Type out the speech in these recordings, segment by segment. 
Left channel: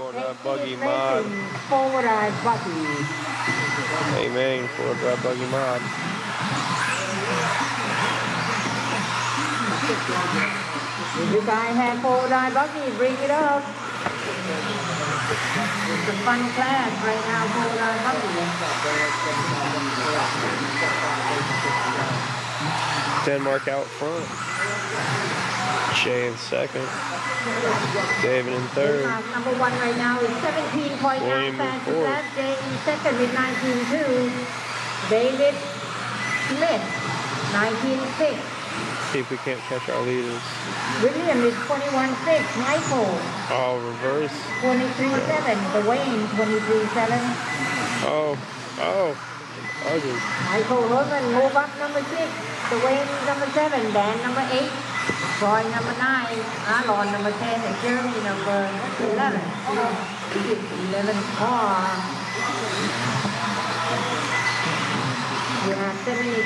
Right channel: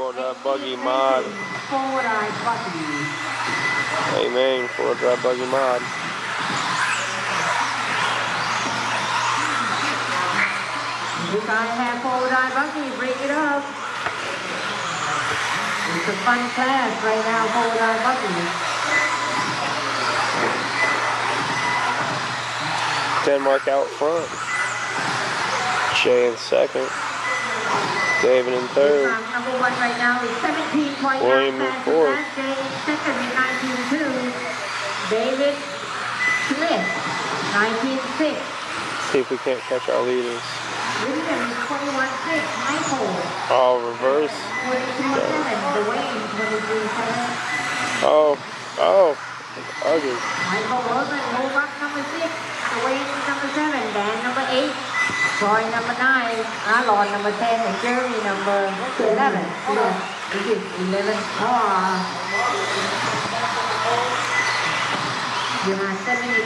4-wheel drive buggy mod. Forward eye buggy. Amen, 4-wheel drive buggy mod. If you guys have forward eye buggy, bring it up. It's a fun class right now, forward eye buggy. Denmark out front. Jay in second. David in third. Number one right now is 17.9 William in fourth. Jay in second with 19.2. David Smith, 19.6. See if we can't catch our leaders. William is 21.6. Michael. Oh, reverse. 22.7. Dwayne, 23.7. Oh, ugly. Michael Rosen, move up number 6. Dwayne number 7. Dan number 8. Troy number 9. Alon number 10. And Jeremy number 11. This is 11 car. You have 78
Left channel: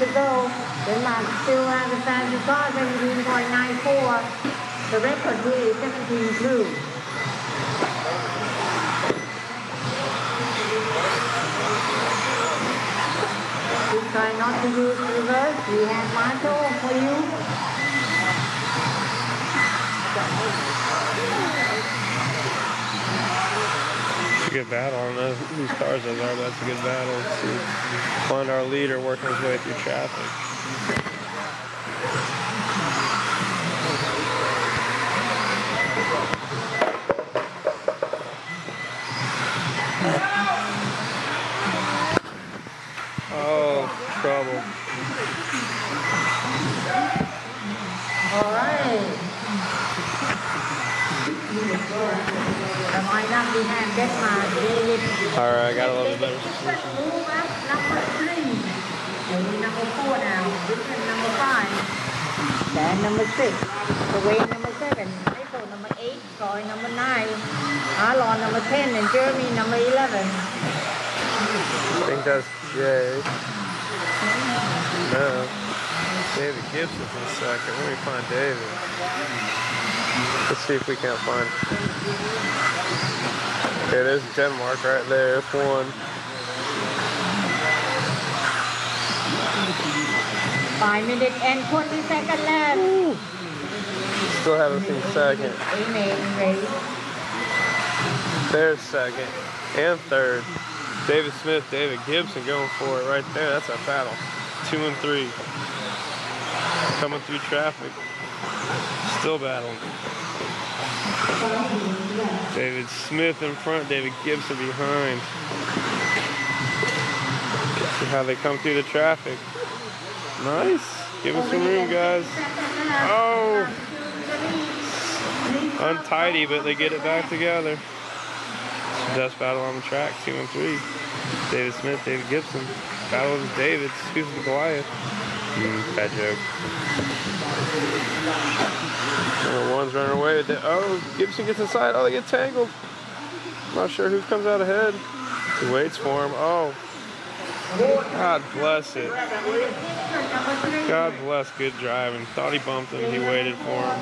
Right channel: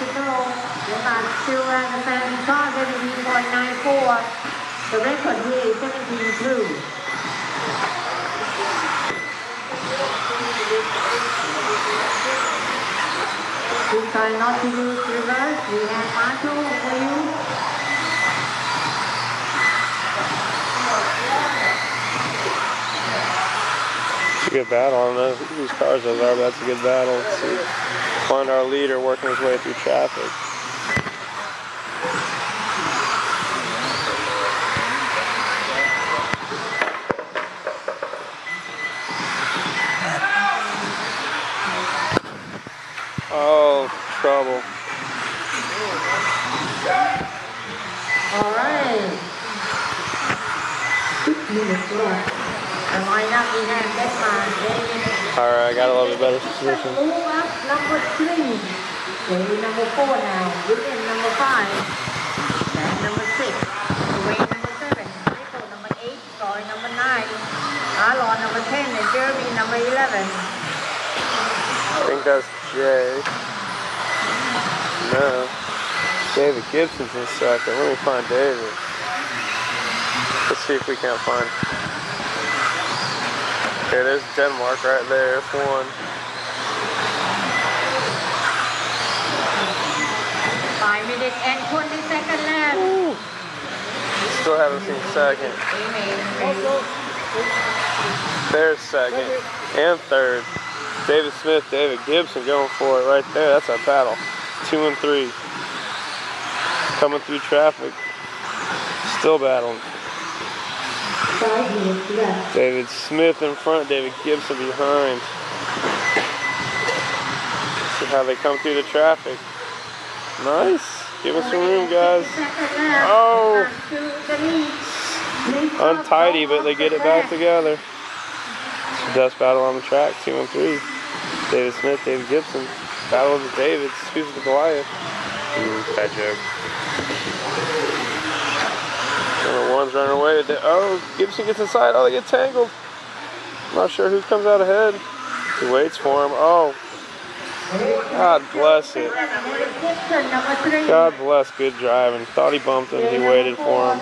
to go. They still around the 70 cars, 17.94. The record here is 17.2. We try not to use reverse. We have Marshall for you. It's a good battle. I don't know whose cars those are, but that's a good battle. Let's see. Find our leader working his way through traffic. Oh, trouble. All right. I might not be having that much. All right, I got a little bit better position. Move up number 3. Lady number 4 now. William number 5. Dan number 6. Dwayne number 7. Michael number 8. Troy number 9. Alon number 10. And Jeremy number 11. I think that's Jay. No. David Gibson's in second. Let me find David. Let's see if we can't find. Okay, there's Denmark right there. F1. 5 minutes and 20 seconds left. Ooh. Still haven't seen second. There's second and third. David Smith, David Gibson going for it right there. That's our battle. 2 and 3. Coming through traffic. Still battling. David Smith in front, David Gibson behind. See how they come through the traffic. Nice. Give us some room, guys. Oh. Untidy, but they get it back together. It's the best battle on the track, 2 and 3. David Smith, David Gibson. Battle of the Davids, Speaks with Goliath. Bad joke. Number 1's running away. Oh, Gibson gets inside. Oh, they get tangled. Not sure who comes out ahead. He waits for him. Oh. God bless it. God bless good driving. Thought he bumped him. He waited for him.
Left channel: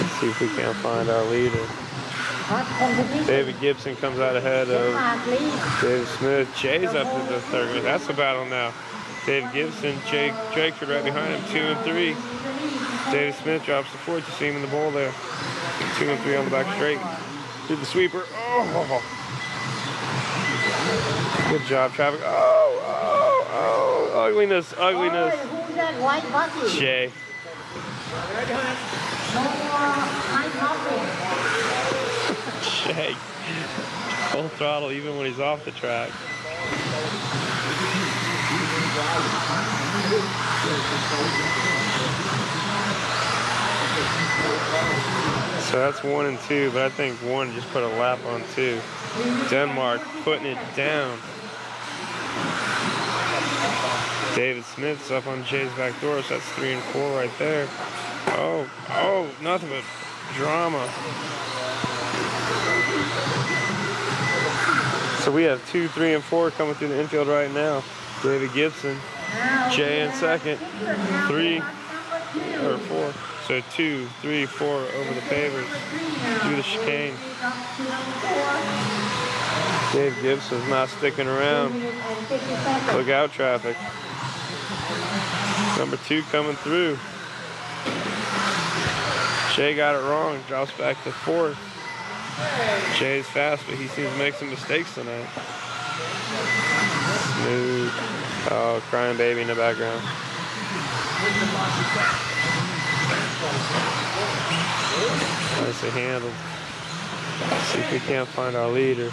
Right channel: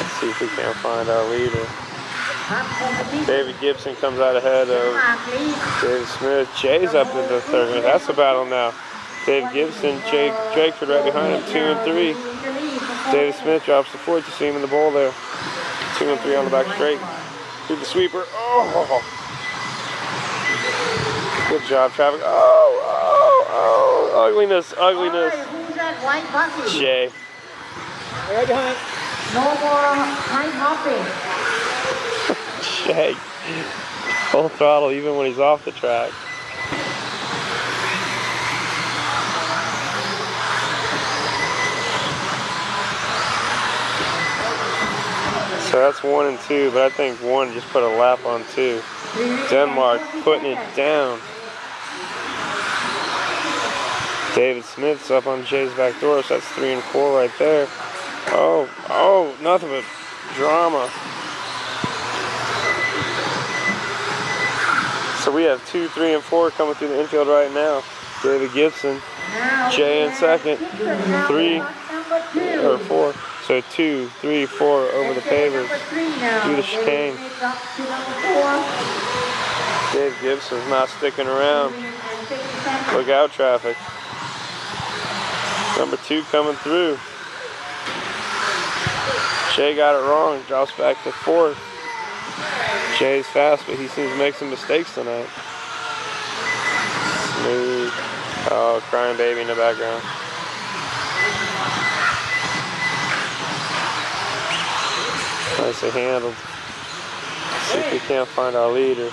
Let's see if we can't find our leader. David Gibson comes out ahead of David Smith. Jay's up to the third. That's the battle now. David Gibson, Jay Drakeford right behind him, 2 and 3. David Smith drops the 4th. You see him in the bowl there. 2 and 3 on the back straight. Through the sweeper. Oh! Good job, traffic. Oh! Ugliness. Who's that white buggy? Jay. Right behind. No more high hopping. Jay. Full throttle even when he's off the track. So that's 1 and 2, but I think 1 just put a lap on 2. Denmark putting it down. David Smith's up on Jay's back door, so that's 3 and 4 right there. Oh, nothing but drama. So we have 2, 3, and 4 coming through the infield right now. David Gibson, Jay in second, 3, or 4. So 2, 3, 4 over the pavers. Through the chicane. Dave Gibson's not sticking around. Look out, traffic. Number 2 coming through. Jay got it wrong. Drops back to 4th. Jay's fast, but he seems to make some mistakes tonight. Smooth. Oh, crying baby in the background. Nicely handled. Let's see if we can't find our leader.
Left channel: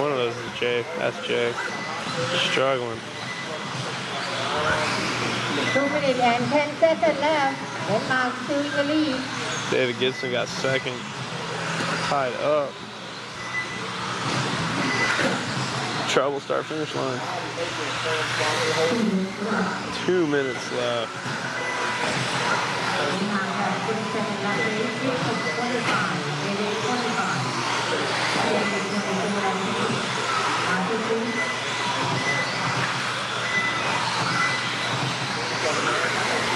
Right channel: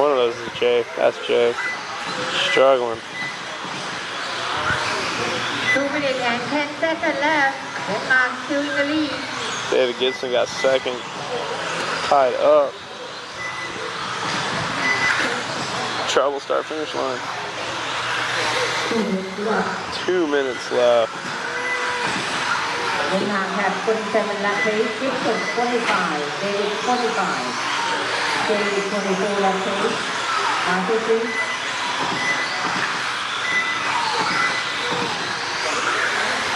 One of those is Jay. That's Jay. Struggling. 2 minutes and 10 seconds left. Denmark still in the lead. David Gibson got second. Tied up. Trouble start finish line. 2 minutes left. Denmark has 27 lap pace. Gibson 25. David 25. David 24 lap pace. Arthur.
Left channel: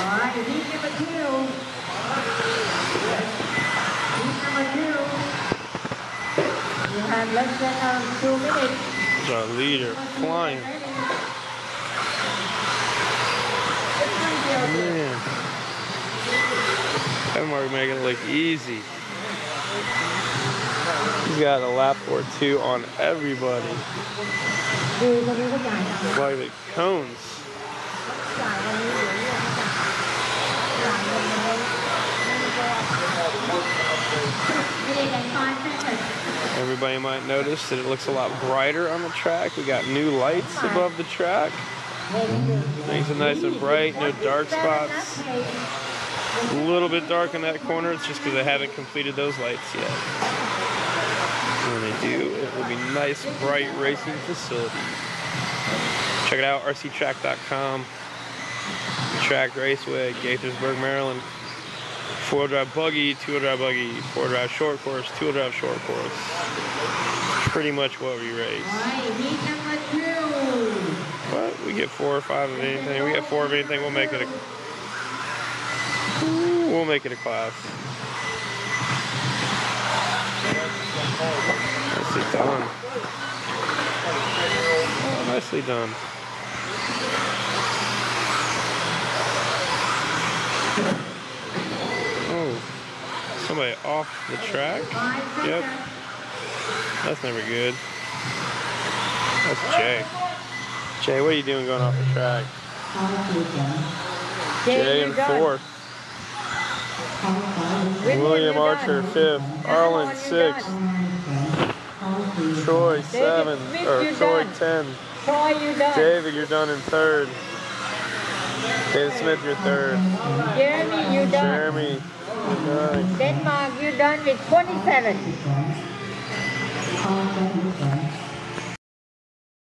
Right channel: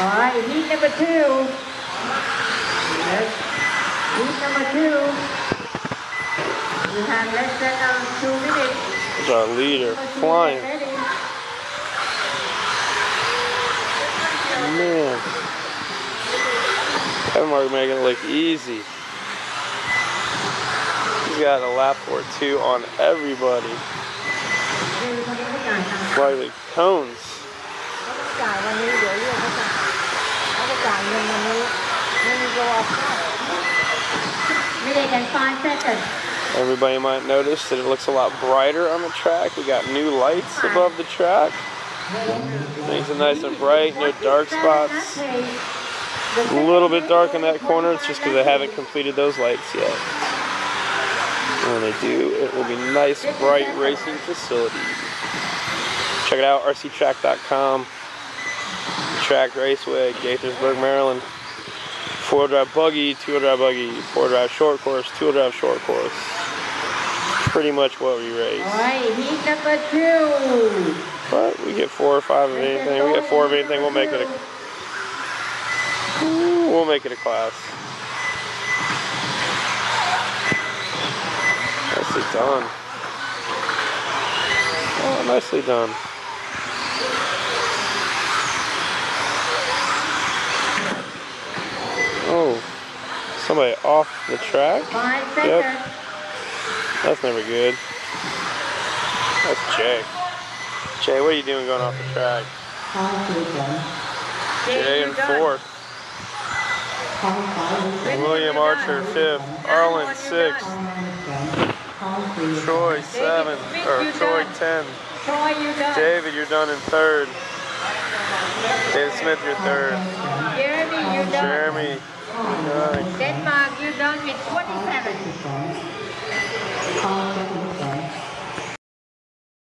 All right, heat number 2. Heat number 2. We have less than 2 minutes. There's our leader flying. Man. Denmark making it look easy. He's got a lap or 2 on everybody. Like the cones. Everybody might notice that it looks a lot brighter on the track. We got new lights above the track. Makes it nice and bright, no dark spots. A little bit dark in that corner, it's just because I haven't completed those lights yet. When they do, it will be nice, bright racing facility. Check it out, rctrack.com. Track Raceway, Gaithersburg, Maryland. 4-wheel drive buggy, 2-wheel drive buggy, 4-wheel drive short course, 2-wheel drive short course. Pretty much what we race. Alright, heat number 2. But we get 4 or 5 of anything. We get 4 of anything, we'll make it a class. Nicely done. Oh, nicely done. Oh, somebody off the track? Yep. That's never good. That's Jay. Jay, what are you doing going off the track? Jay in 4th. William Archer 5th. Arlen 6th. Troy 7th. Or Troy 10. David, you're done in 3rd. David Smith, you're 3rd. Jeremy, you're done. Jeremy, you're 9th. Denmark, you're done with 27.